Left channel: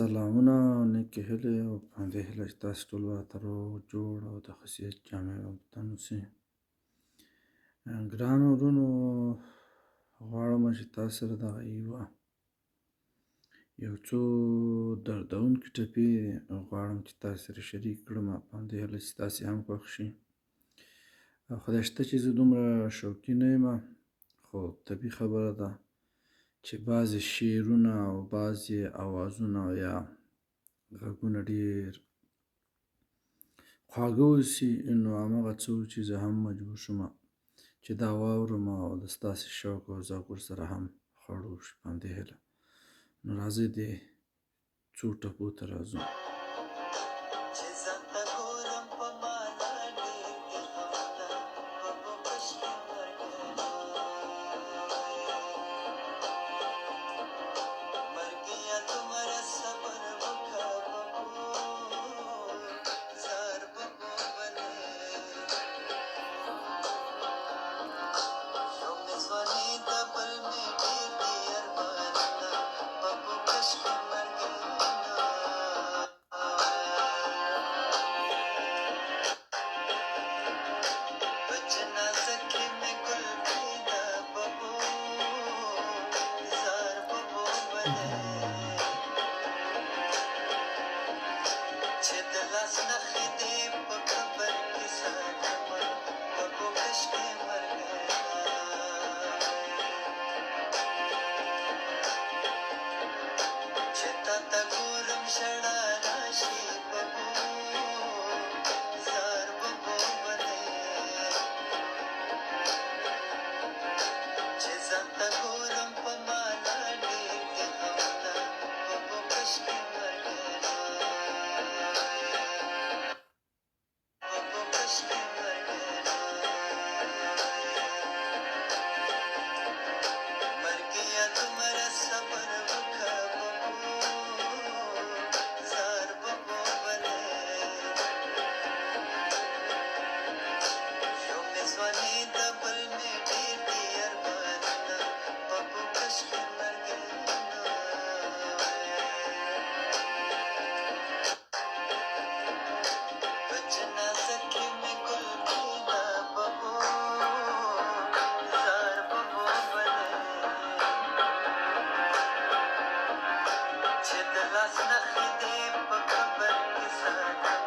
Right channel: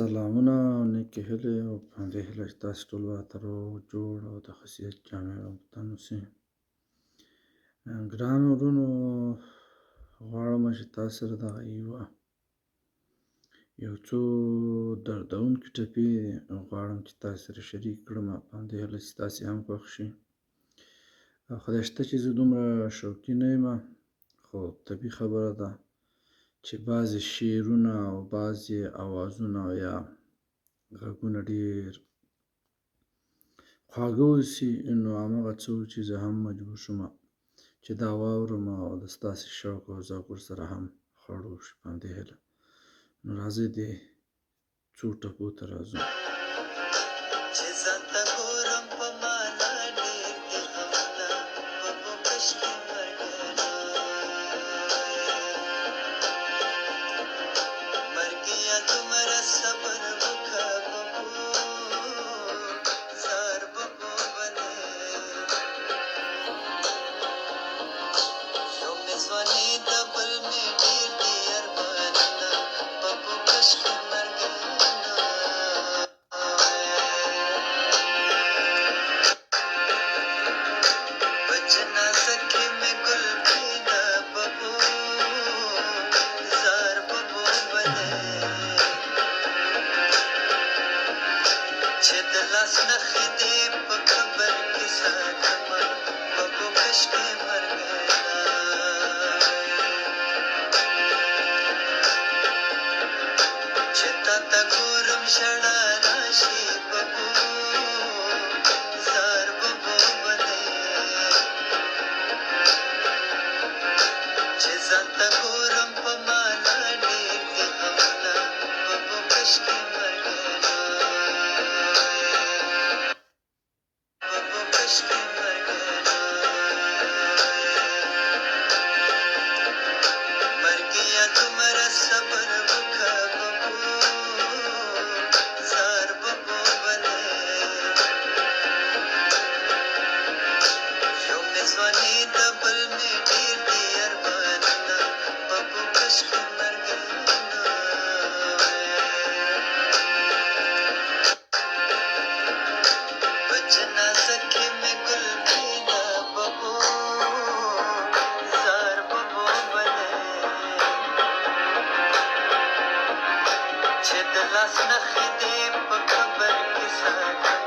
سلامونه او نیکې هیلې او په همدې هیله چې تاسې ټول به ته روغ جوړ او د ښه صحت جامع او په تن اوسئ. ګرانو وروڼو، غواړمه چې تاسو سره دغه یو څو دردونکې ټپې غواړم چې تاسو سره شریک کړمه، په همدې هیله چې تاسې هم خوښ شي. خدای شته چې زه دومره شوقي نه یم، خو طبیعي خبره ده چې بعضې شعرونه او بعضې اوازونه یا غږونه ډېر خواږه اوسي، نو هماغه څه و چې زه هم مجبور شومه چې دا واورم او د ستاسې شوق او ذوق ورسره هم خړ وشي. په همدې هیله نو راځئ دې څو ټپو ته راځو. چې د لاس نخښې دې په قبر کې ساتم